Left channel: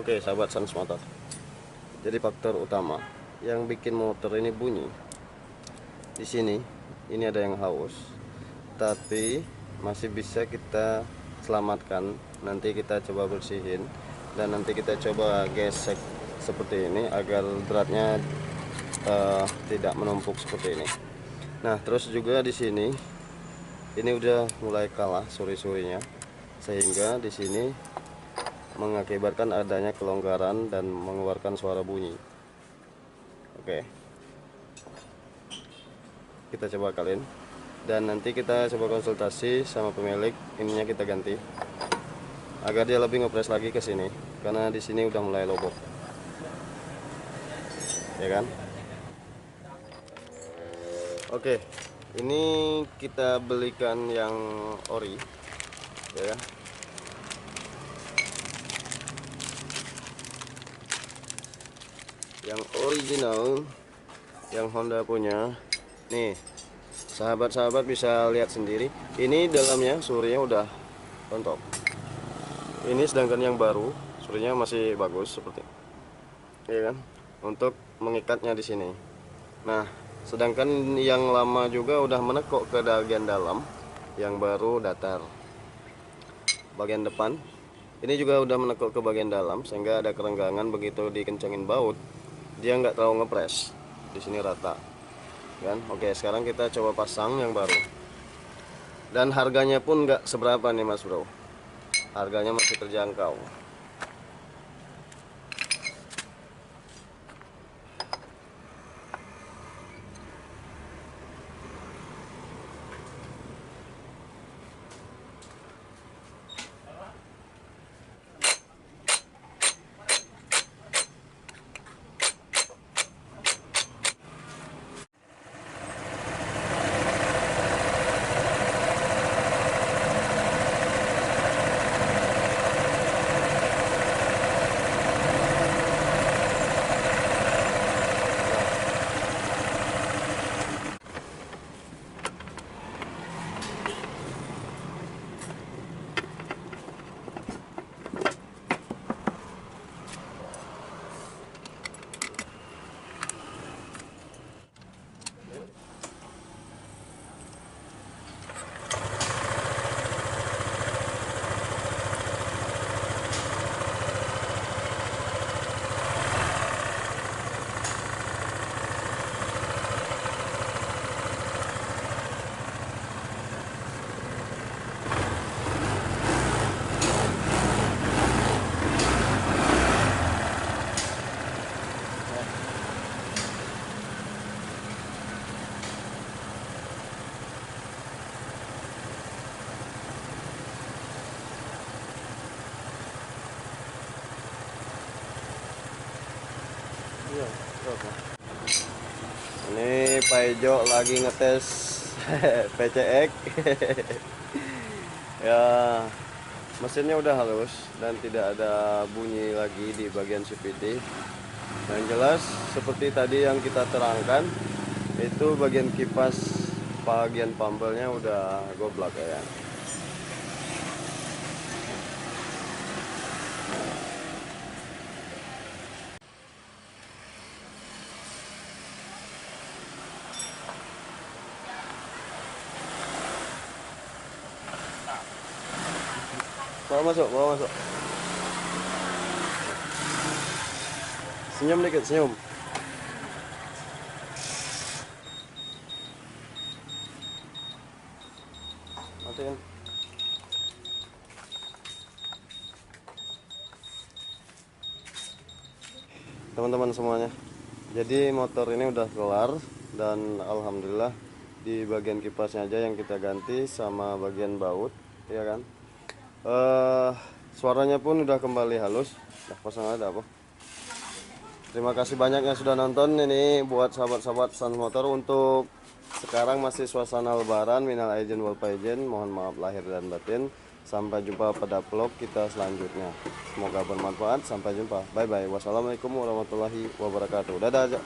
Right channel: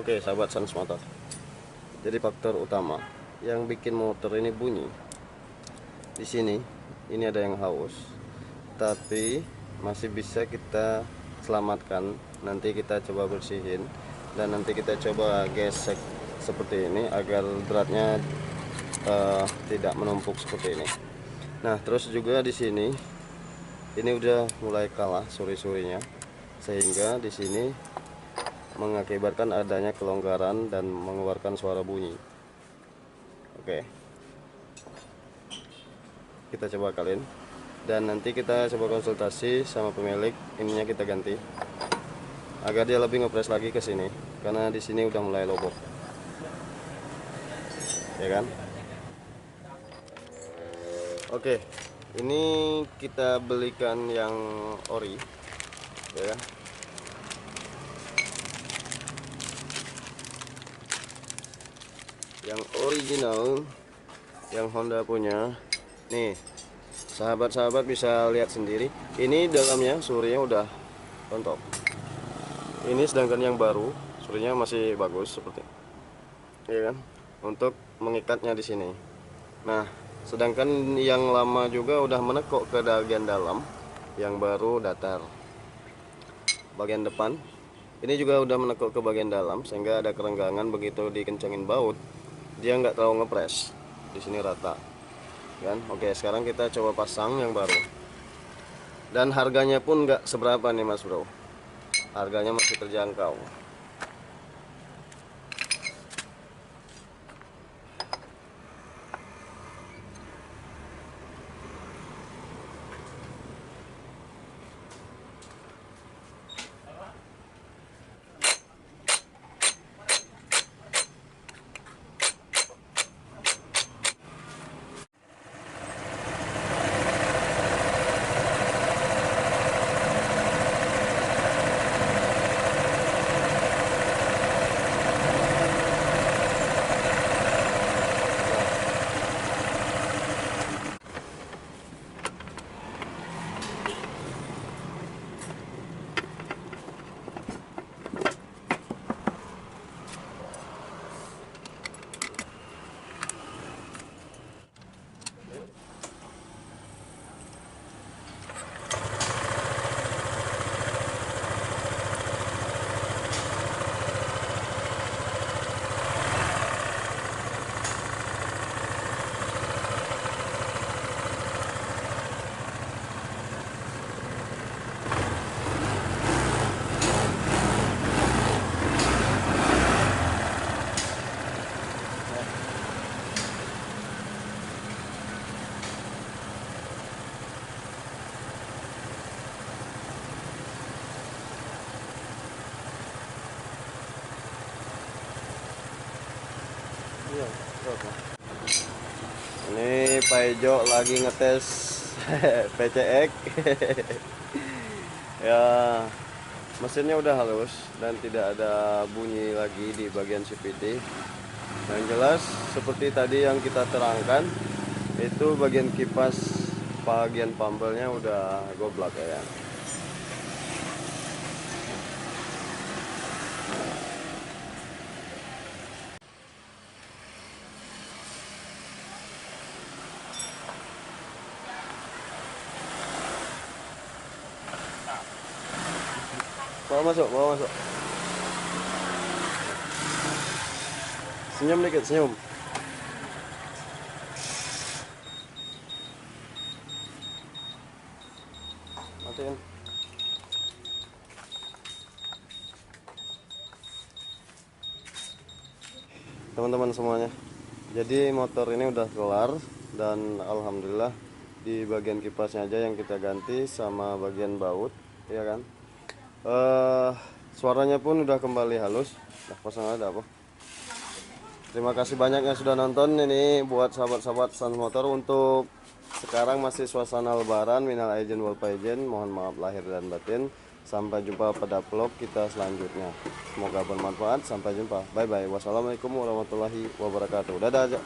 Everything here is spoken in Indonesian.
Oke, sahabat Sans Motor. Jadi faktor utama yang bikin motor ini bunyi di sini, ini ada yang haus, tapi masih bisa kita selamatkan. Nanti kita coba bersihin dan nanti kita coba gesek seperti ini agar beratnya tidak menumpuk seperti ini. Nah, terus juga di sini ini udah mulai kalah suri-surinya, sehingga di sini mengakibatkan adanya kelonggaran dan mengeluarkan suara bunyi. Oke, kita coba kalian dan nanti kita coba konsultasi sama pemilik, ininya kita ganti agar dia lebih ngepres lagi ke sini, karena di sini udah mulai lobok, ya kan? Oke, ini kita belikan yang ori, ya kan? Yang original, yang Honda punya. Nih, sahabat-sahabat bisa lihat sendiri, ini dalamnya surinya udah rontok. Ini sedangkan yang baru surinya masih bagus seperti, ya kan? Untuk mengikatnya di sini. Nah, sedangkan yang lama juga udah menekuk ke bagian dalam, yang baru datar. Bagian depan ini juga udah menekuk ke bagian dalam, sehingga ada kerenggangan. Begitu dikencangin baut, dia nggak terlalu ngepres, di sini rata kan. Oke, sekarang kita coba pasang yang baru, dan harganya pun nggak seberapa nih mas bro, harganya masih terjangkau. Ini Pak Ejo lagi ngetes PCX. Ya, mesinnya udah halus dan tidak ada bunyi lagi di bagian CVT. Yang jelas seperti tadi yang kita terangkan, itu bagian kipas, bagian pambelnya udah goblok ya. Bawa masuk, bawa masuk. Senyum dikit, senyum. Matiin. Teman-teman semuanya, jadi motor ini udah kelar dan alhamdulillah di bagian kipasnya aja yang kita ganti sama bagian baut, ya kan. Suaranya pun udah kembali halus. Nah, pasang ada apa? Terima kasih banyak yang sudah nonton. Ini buat sahabat-sahabat Sans Motor, untuk sekarang masih suasana lebaran. Minal aidin wal faizin, mohon maaf lahir dan batin. Sampai jumpa pada vlog kita selanjutnya. Semoga bermanfaat. Sampai jumpa. Bye bye. Wassalamualaikum warahmatullahi wabarakatuh. Dadah aja.